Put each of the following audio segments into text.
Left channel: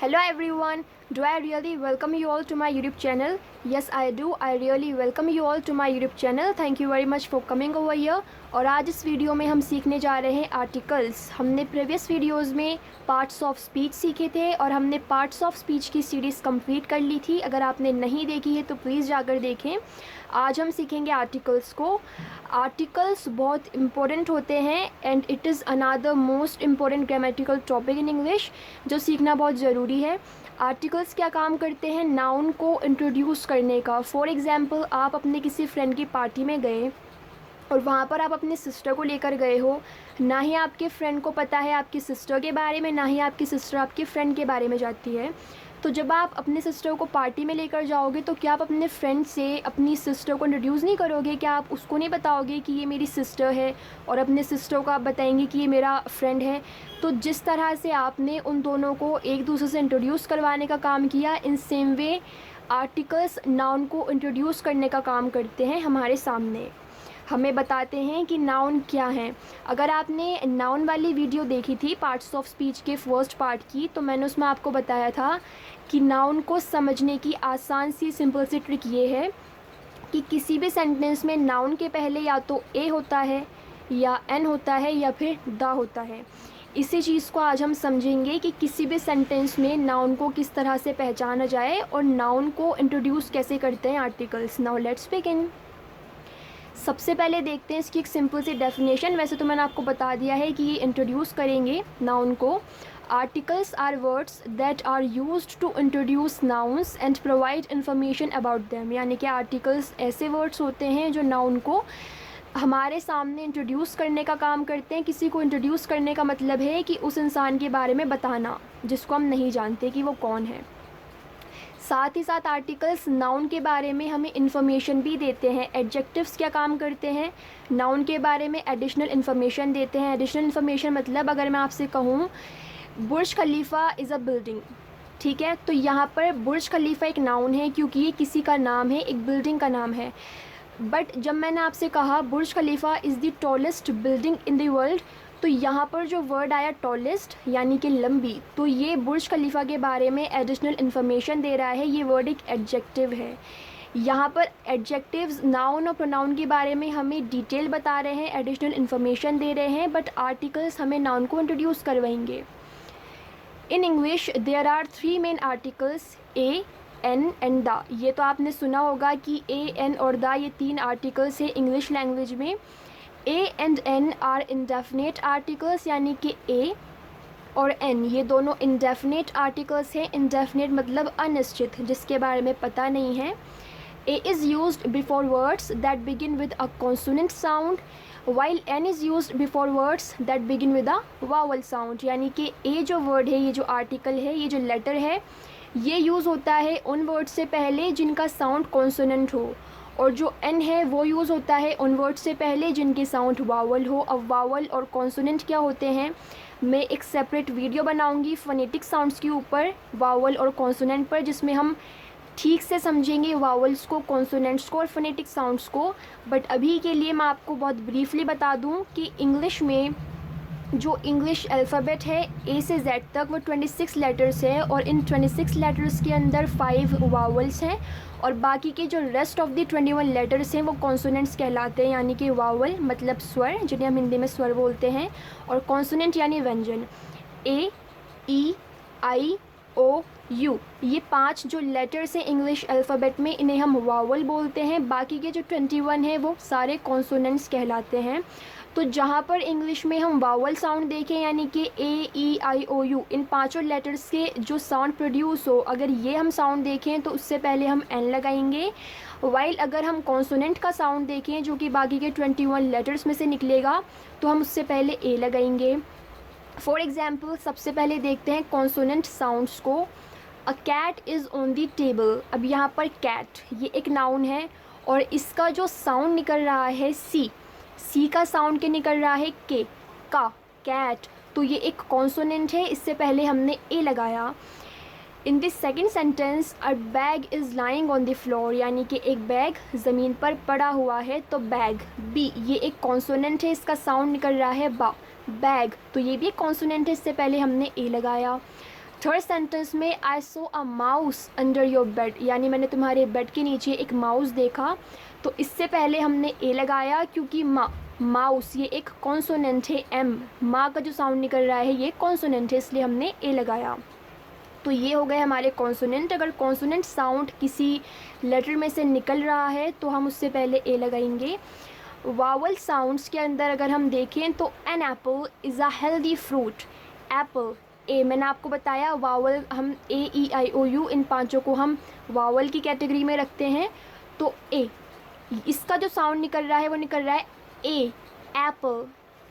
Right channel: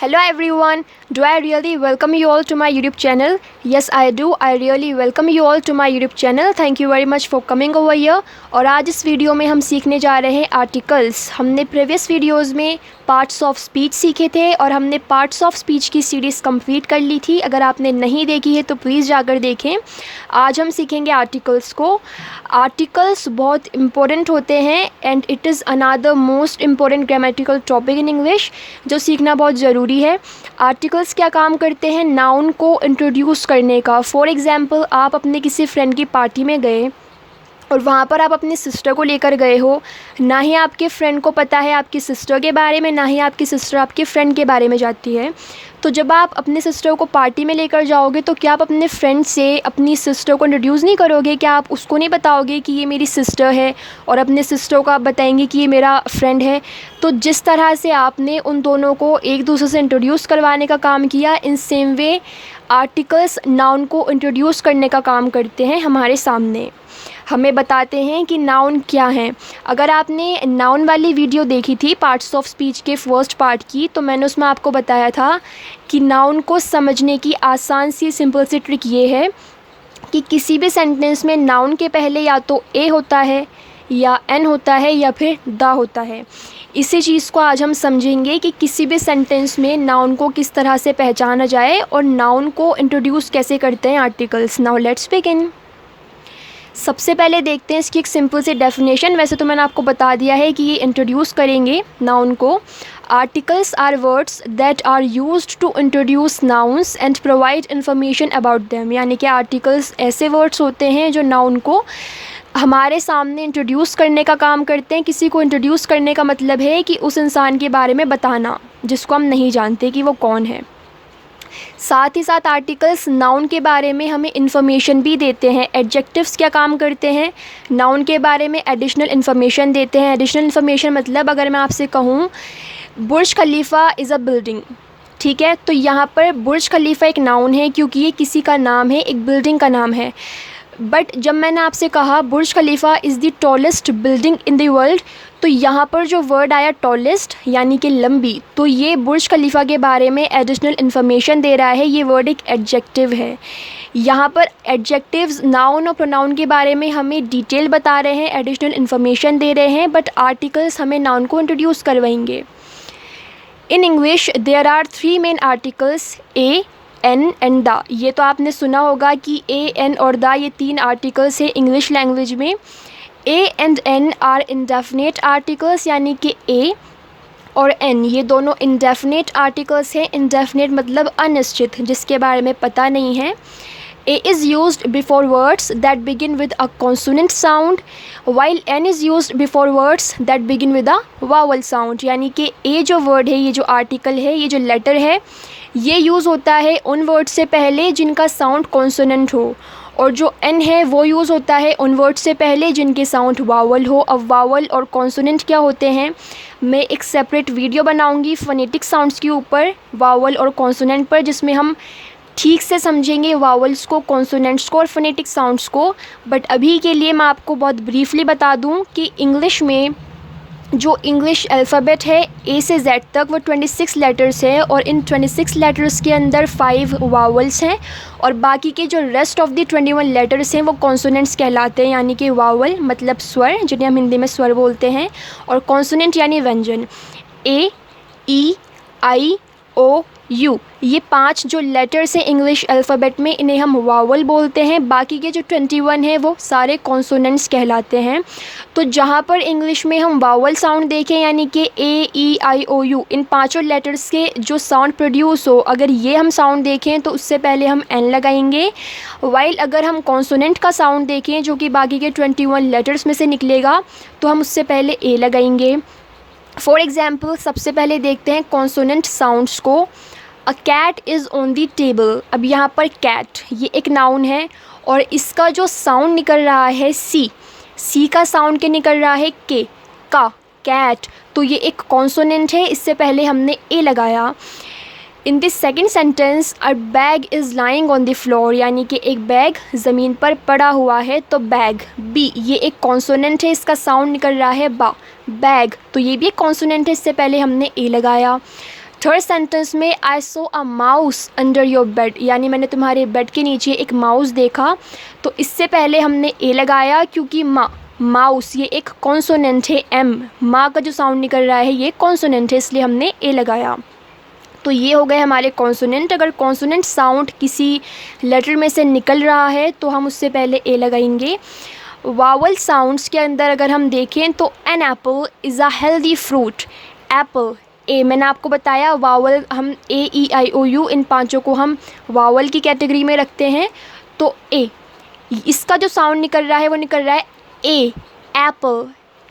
Hello everyone, do I really welcome you all to my YouTube channel? Yes I do, I really welcome you all to my YouTube channel. Thank you very much for coming over here. और आज इस video में हम सीखने जा रहे हैं articles. हमने प्रीवियस वीडियोस में पार्ट्स ऑफ स्पीच सीखे थे और हमने पार्ट्स ऑफ स्पीच की सीरीज़ कंप्लीट कर ली थी। अगर आपने नहीं देखी है तो प्लीज़ जाकर देखें। आज हम सीखेंगे आर्टिकल्स को। आर्टिकल्स बहुत इंपॉर्टेंट होते हैं and it is another most important grammatical topic in English जो सीखना बहुत ज़रूरी है। आर्टिकल्स क्या काम करते हैं? नाउन को इंट्रोड्यूस करने का। फॉर एग्ज़ाम्पल, आप अपने किसी फ्रेंड की पार्टी में गए और वहाँ पर आप अपनी सिस्टर को लेकर गए हो। ना ही आपके फ्रेंड को पता है आपकी सिस्टर के बारे में, ना ही आपकी सिस्टर आपके फ्रेंड के बारे में जानती है। तो जब आप अपने सिस्टर को पार्टी में लेकर जाओगे तो क्या आप अपने फ्रेंड से अपनी सिस्टर को इंट्रोड्यूस नहीं करोगे? क्या आप उसको नहीं बताओगे कि ये मेरी सिस्टर है और अपने सिस्टर को आप बताएंगे कि ये मेरा फ्रेंड है? तो जिस तरह से आपने उन दोनों को एक दूसरे से इंट्रोड्यूस करवाने का काम किया, in same way articles noun को इंट्रोड्यूस करने का काम करते हैं हमारे सामने। हमें बताते हैं कि नाउन क्या है। अगर आपने नाउन वाली वीडियो देखी थी पार्ट्स ऑफ स्पीच के फर्स्ट पार्ट की, तो मैंने उसमें आपको बताया था कि नाउन को समझने की आसान सी सिंपल सी ट्रिक ये है कि किसी भी सेंटेंस में नाउन के पहले या तो ए होता है या एन होता है या फिर द होता है। इसी चीज़ को आज हम समझेंगे कि किसी भी सेंटेंस में नाउन को किस तरह से पहचाना जाए और नाउन को इंट्रोड्यूस कैसे करते हैं आर्टिकल्स। Now let's begin. सबसे पहले देखते हैं इसकी एक सिंपल सी डेफिनेशन। वैसे तो मैंने आपको बता दिया है कि ये इंट्रोड्यूस करेंगे नाउन को। Articles are words that are used to introduce nouns and provide information about them. यानी कि आर्टिकल्स ऐसे वर्ड्स होते हैं जो नाउन को हमारे सामने इंट्रोड्यूस करने का काम करते हैं। किसी को इंट्रोड्यूस करने का मतलब है कि उस इंसान के बारे में बताना जिसको हम नहीं जानते कि वो कौन है। साथ ही साथ आर्टिकल्स नाउन के बारे में हमें इन्फॉर्मेशन भी देते हैं। एडजेक्टिव्स क्या काम करते हैं? नाउन के बारे में एडिशनल इन्फॉर्मेशन देते हैं। एडिशनल इन्फॉर्मेशन मतलब अगर मैं आपसे कहूँ बुर्ज खलीफा इज़ अ बिल्डिंग, ठीक है, तो यहाँ पर बुर्ज खलीफा एक नाउन है क्योंकि ये किसी का नाम है, एक बिल्डिंग का नाम है। बट जब मैंने आपसे कहा Burj Khalifa is the tallest building in the world, तो यहाँ पर जो वर्ड आया टॉलेस्ट यानी कि लंबी, तो ये बुर्ज खलीफा के बारे में एडिशनल इन्फॉर्मेशन दे रहा है। ये वर्ड एक एडजेक्टिव है। यहाँ पर एडजेक्टिव्स नाउन और प्रोनाउन के बारे में हमें डिटेल बता रहे हैं, एडिशनल इन्फॉर्मेशन दे रहे हैं, बट आर्टिकल्स हमें नाउन को इंट्रोड्यूस करवाएंगे। In English there are 3 main articles, a, an and the. ये तो आपने सुना होगा कि ए, एन और द ये 3 आर्टिकल्स है इंग्लिश लैंग्वेज में। A and an are indefinite articles, यानी कि ए और एन ये दोनों इंडेफिनेट आर्टिकल्स हैं। इंडेफिनेट मतलब अनिश्चित, जिसके बारे में पता नहीं है। A is used before words that begin with a consonant sound, while N is used before words that begin with a vowel sound। यानी कि A जो वर्ड है, ये जो आर्टिकल है, ये जो लेटर है, ये यूज़ होता है उन वर्ड से पहले जिनका साउंड कॉन्सोनेंट हो, और जो N है वो यूज़ होता है उन वर्ड से पहले जिनके साउंड वावल हो। अब वावल और कॉन्सोनेंट क्या होते हैं, मैं एक सेपरेट वीडियो बनाऊंगी फोनेटिक साउंड्स के ऊपर, वावल और कॉन्सोनेंट पर, जिसमें हम ठीक से समझेंगे वावल्स को, कॉन्सोनेंट्स को और फोनेटिक साउंड्स को। बट अभी के लिए मैं आपको बहुत ब्रीफली बता दूं कि इंग्लिश में जो इंग्लिश अल्फ़ाबेट है ए से जेड तक, वो 26 लेटर्स है और इन 26 लेटर्स के अंदर 5 वावल्स हैं और बाकी के जो रेस्ट ऑफ द 21 लेटर्स हैं वो कॉन्सोनेंट्स कहलाते हैं। यानी कि वावल मतलब स्वर, जिन्हें हम हिंदी में स्वर बोलते हैं, और कॉन्सोनेंट यानी व्यंजन। ए, ई, आई, ओ, यू, ये 5 जो लेटर्स हैं इंग्लिश अल्फ़ाबेट में, इन्हें हम वावल बोलते हैं। बाकी के जो 21 हैं वो सारे कॉन्सोनेंट्स कहलाते हैं। तो जहाँ पर इंग्लिश में हम वावल साउंड देखें, यानी कि ए, ई, आई, ओ, यू, इन 5 लेटर्स के जो साउंड प्रोड्यूस हो, अगर ये हम साउंड देखें तो उससे पहले हम एन लगाएंगे। वाइल अगर हम कॉन्सोनेंट का साउंड देखें जो कि बाकी के 21 लेटर्स में से निकलेगा, तो हम उससे पहले ए लगाएंगे। फॉर एग्ज़ाम्पल, सबसे पहले देखते हैं कॉन्सोनेंट साउंड्स को। A cat is on the table. अब यहाँ पर कैट ये एक नाउन है और इसका जो साउंड निकल रहा है सी का साउंड क्या निकल रहा है, के, का, कैट, तो ये एक कॉन्सोनेंट है, इससे पहले हमने ए लगाया। In this second sentence a bag is lying on the floor, यानी कि एक बैग ज़मीन पर पड़ा हुआ है, तो बैग, बी, ये एक कॉन्सोनेंट है, इसका साउंड निकल रहा है बा, बैग, तो ये भी एक कॉन्सोनेंट है, इससे पहले हमने ए लगाया। थर्ड सेंटेंस में I saw a mouse under your bed, यानी मैंने तुम्हारे बेड के नीचे एक माउस देखा। तो इससे पहले हमने ए लगाया क्योंकि माउस ये एक कॉन्सोनेंट है, एम माँ का जो साउंड निकल रहा है ये कॉन्सोनेंट है, इसलिए हमने ए लगाया। तो ये हो गए हमारे कॉन्सोनेंट। अगर कॉन्सोनेंट साउंड किसी लेटर में से निकल रहा है तो हम उससे पहले ए लगाएंगे। वावल साउंड्स के अंदर अगर हम देखें तो an apple is a healthy fruit, apple ए, मैंने आपको बताया वावल हम ए ई आई ओ यू इन पांचों को हम वावल की कैटेगरी में रखते हैं। तो ए, इसका जो साउंड निकल रहा है वो निकल रहा है ए, एप्पल,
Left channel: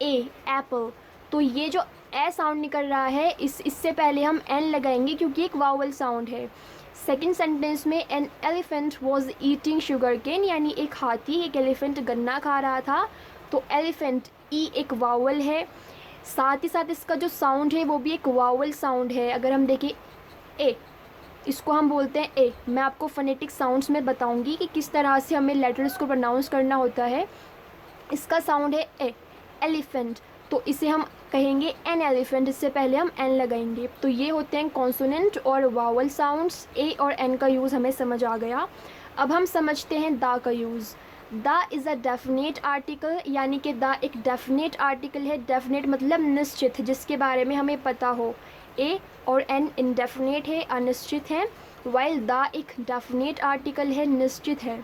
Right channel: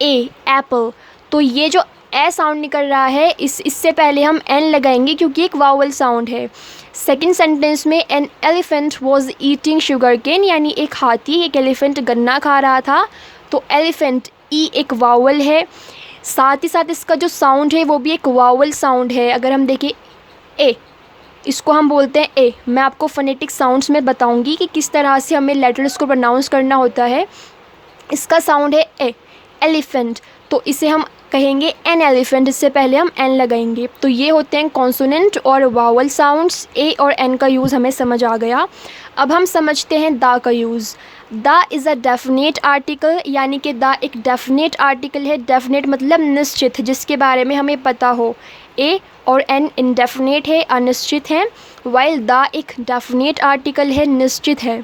ए एप्पल। तो ये जो ए साउंड निकल रहा है इससे पहले हम एन लगाएंगे क्योंकि एक वावल साउंड है। सेकंड सेंटेंस में an elephant was eating sugar cane, यानी एक हाथी एक एलिफेंट गन्ना खा रहा था। तो एलिफेंट ई एक वावल है, साथ ही साथ इसका जो साउंड है वो भी एक वावल साउंड है। अगर हम देखें ए, इसको हम बोलते हैं ए। मैं आपको फोनेटिक साउंड्स में बताऊंगी कि किस तरह से हमें लेटर्स को प्रोनाउंस करना होता है। इसका साउंड है ए, एलिफेंट, तो इसे हम कहेंगे एन एलिफेंट, इससे पहले हम एन लगाएंगे। तो ये होते हैं कॉन्सोनेंट और वावल साउंड्स। ए और एन का यूज़ हमें समझ आ गया। अब हम समझते हैं दा का यूज़। दा इज़ अ डेफिनेट आर्टिकल, यानी कि दा एक डेफिनेट आर्टिकल है। डेफिनेट मतलब निश्चित, जिसके बारे में हमें पता हो। ए और एन इनडेफिनेट है, अनिश्चित है, वाइल दा एक डेफिनेट आर्टिकल है, निश्चित है।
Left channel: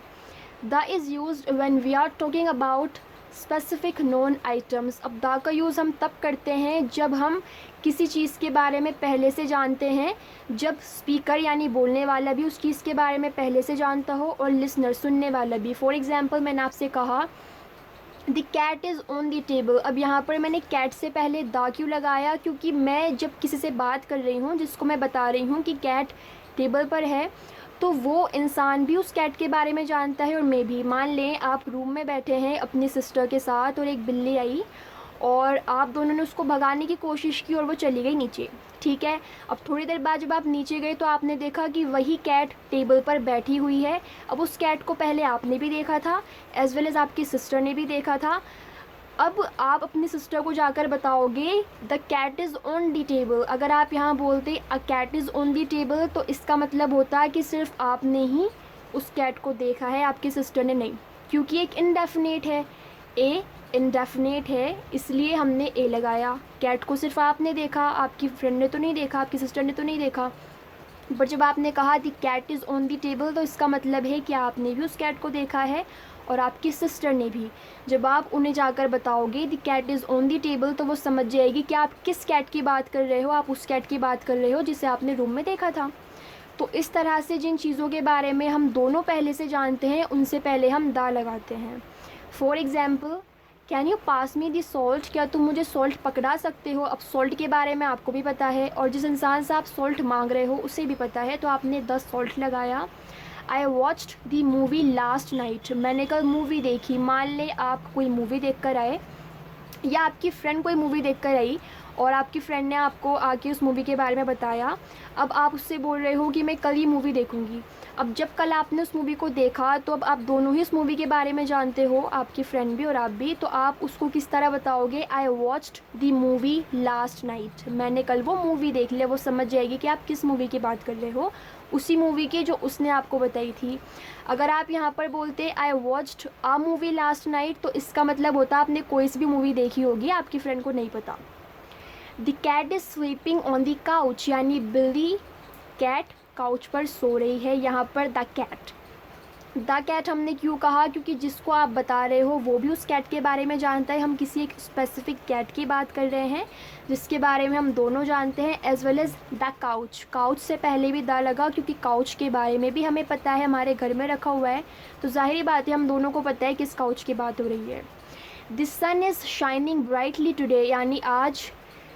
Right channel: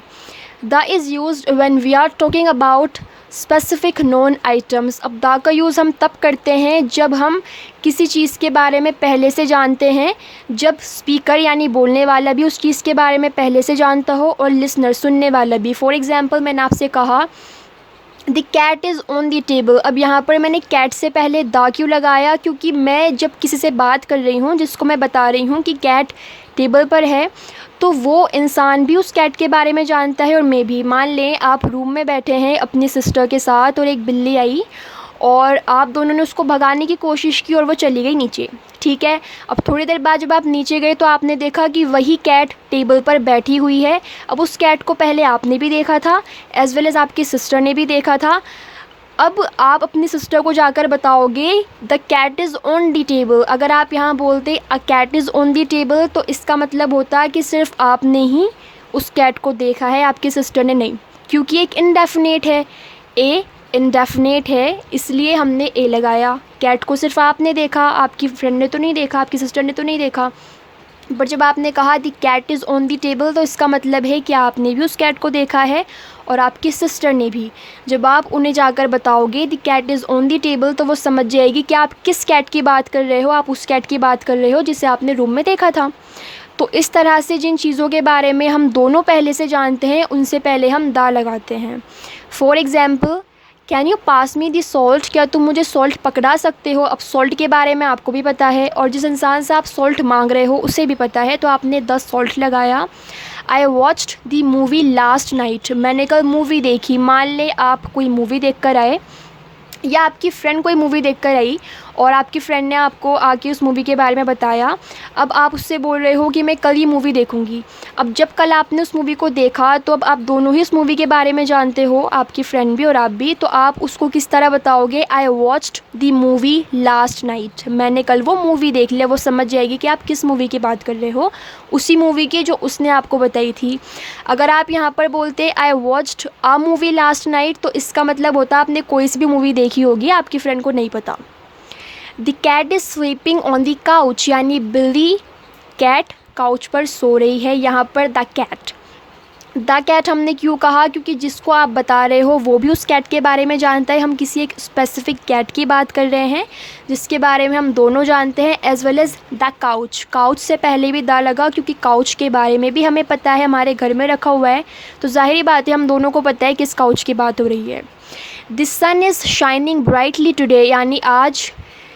The is used when we are talking about specific known items. अब दा का यूज़ हम तब करते हैं जब हम किसी चीज़ के बारे में पहले से जानते हैं, जब स्पीकर यानी बोलने वाला भी उस चीज़ के बारे में पहले से जानता हो और लिसनर सुनने वाला भी। फॉर एग्ज़ाम्पल मैंने आपसे कहा the cat is on the table. अब यहाँ पर मैंने कैट से पहले दा क्यों लगाया, क्योंकि मैं जब किसी से बात कर रही हूँ जिसको मैं बता रही हूँ कि कैट टेबल पर है, तो वो इंसान भी उस कैट के बारे में जानता है और मैं भी। मान लें आप रूम में बैठे हैं अपनी सिस्टर के साथ और एक बिल्ली आई और आप दोनों ने उसको भगाने की कोशिश की और वो चली गई नीचे, ठीक है। अब थोड़ी देर बाद जब आप नीचे गए तो आपने देखा कि वही कैट टेबल पर बैठी हुई है। अब उस कैट को पहले आपने भी देखा था एज़ वेल एज़ आपकी सिस्टर ने भी देखा था। अब आप अपनी सिस्टर को जाकर बताओगे the cat is on the table. अगर आप यहाँ बोलते a cat is on the table तो इसका मतलब होता है कि सिर्फ आपने ही उस कैट को देखा है, आपकी सिस्टर ने नहीं, क्योंकि एक इनडेफिनेट है। ए इनडेफिनेट है, इसलिए हमने ए लगाया। कैट को सिर्फ आपने देखा, आपकी फ्रेंड ने तो नहीं देखा, आपकी सिस्टर ने तो नहीं देखा। बट जब आपने कहा the cat is on the table तो इसका मतलब है कि आपने भी उस कैट को देखा है और आपकी सिस्टर ने भी। जब आप उन्हें जाकर बताओगे the cat is on the table तो वो समझ जाएगी कि आप किस कैट की बात कर रहे हो। आप उस कैट की बात कर रहे हो जिसे आपने रूम में देखा था। तो इस तरह से जिन चीज़ों के बारे में हम दोनों पहले से जानते हैं उनसे पहले हम दा लगाते हैं। For example can you pass me the salt, क्या तुम मुझे सॉल्ट पकड़ा सकते हो। अब सॉल्ट के बारे में आपको भी पता है और जिस इंसान से आप सॉल्ट मांग रहे हो उसे भी पता है, तो आपने 10 सॉल्ट लगाया। I watched the movie last night, मैंने कल मूवी देखी। मान ले आप कोई मूवी देख कर आए या आपकी फ्रेंड कोई मूवी देख कर आई और आपकी फ्रेंड ने आपको आके उस मूवी के बारे में बताया। अब आप उससे बोल रहे हो कि मैं कल ये मूवी देखूंगी। अब जब कल आपने उस मूवी को देखा तो अब आप दोनों ही उस मूवी के बारे में जानते हो, आपकी फ्रेंड भी और आप भी। तो आप उसको किस तरह बताओगे, I watched the movie last night, मैंने कल वो मूवी देख लिया। वो समझ जाएगी कि आप किस मूवी की बात कर रहे हो, उसी मूवी की जो उसने आपको बताई थी। अगर आप यहाँ पर बोलते I watched a movie last night तो इसका मतलब होता है आपने कोई सी भी मूवी देखी होगी, आपकी फ्रेंड को नहीं पता। The cat is sleeping on the couch, यानी बिल्ली कैट काउच पर सो रही है। यहाँ पर द कैट हमने क्यों कहा, क्योंकि जिसको आप बता रहे हो वो भी उस कैट के बारे में जानता है। हम किसी एक स्पेसिफिक कैट की बात कर रहे हैं जिसके बारे में हम दोनों जानते हैं, as well as the couch. Couch से पहले भी दा लगा क्योंकि काउच के बारे में भी हमें पता है, हमारे घर में रखा हुआ है। तो जाहिर बात है हम दोनों को पता है किस काउच की बात हो रही है। The sun is shining brightly today, यानी आज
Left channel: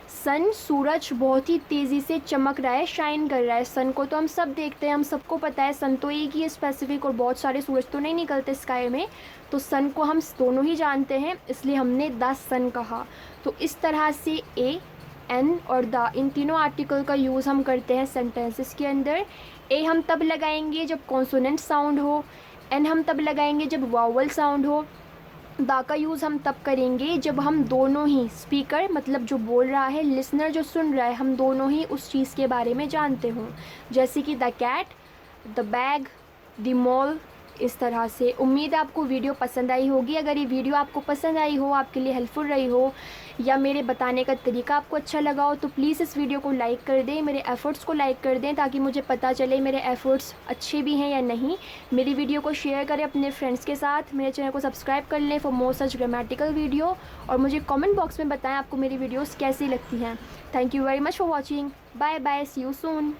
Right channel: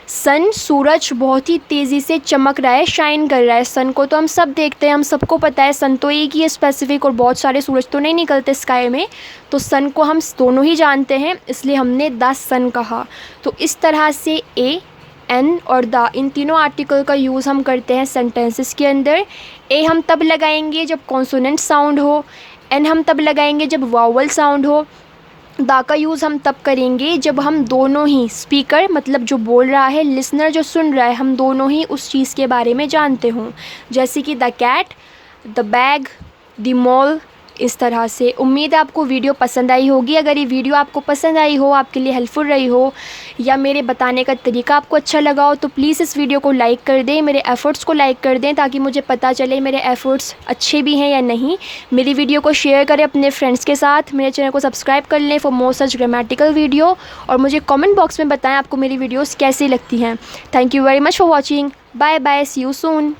सन सूरज बहुत ही तेज़ी से चमक रहा है, शाइन कर रहा है। सन को तो हम सब देखते हैं, हम सबको पता है सन तो एक ही है स्पेसिफिक और बहुत सारे सूरज तो नहीं निकलते स्काई में। तो सन को हम दोनों ही जानते हैं, इसलिए हमने द सन कहा। तो इस तरह से ए, एन और द इन तीनों आर्टिकल का यूज़ हम करते हैं सेंटेंसेस के अंदर। ए हम तब लगाएंगे जब कॉन्सोनेंट साउंड हो, एन हम तब लगाएंगे जब वावल साउंड हो, द का यूज़ हम तब करेंगे जब हम दोनों ही स्पीकर, मतलब जो बोल रहा है, लिसनर जो सुन रहा है, हम दोनों ही उस चीज़ के बारे में जानते हों। जैसे कि the cat, the bag, the mall, इस तरह से। उम्मीद है आपको वीडियो पसंद आई होगी। अगर ये वीडियो आपको पसंद आई हो, आपके लिए हेल्पफुल रही हो, या मेरे बताने का तरीका आपको अच्छा लगा हो, तो प्लीज़ इस वीडियो को लाइक कर दें, मेरे एफ़र्ट्स को लाइक कर दें, ताकि मुझे पता चले मेरे एफ़र्ट्स अच्छे भी हैं या नहीं। मेरी वीडियो को शेयर करें अपने फ्रेंड्स के साथ, मेरे चैनल को सब्सक्राइब कर लें for more such grammatical video, और मुझे कमेंट बॉक्स में बताएं आपको मेरी वीडियोस कैसी लगती हैं। Thank you very much for watching. Bye bye, see you soon.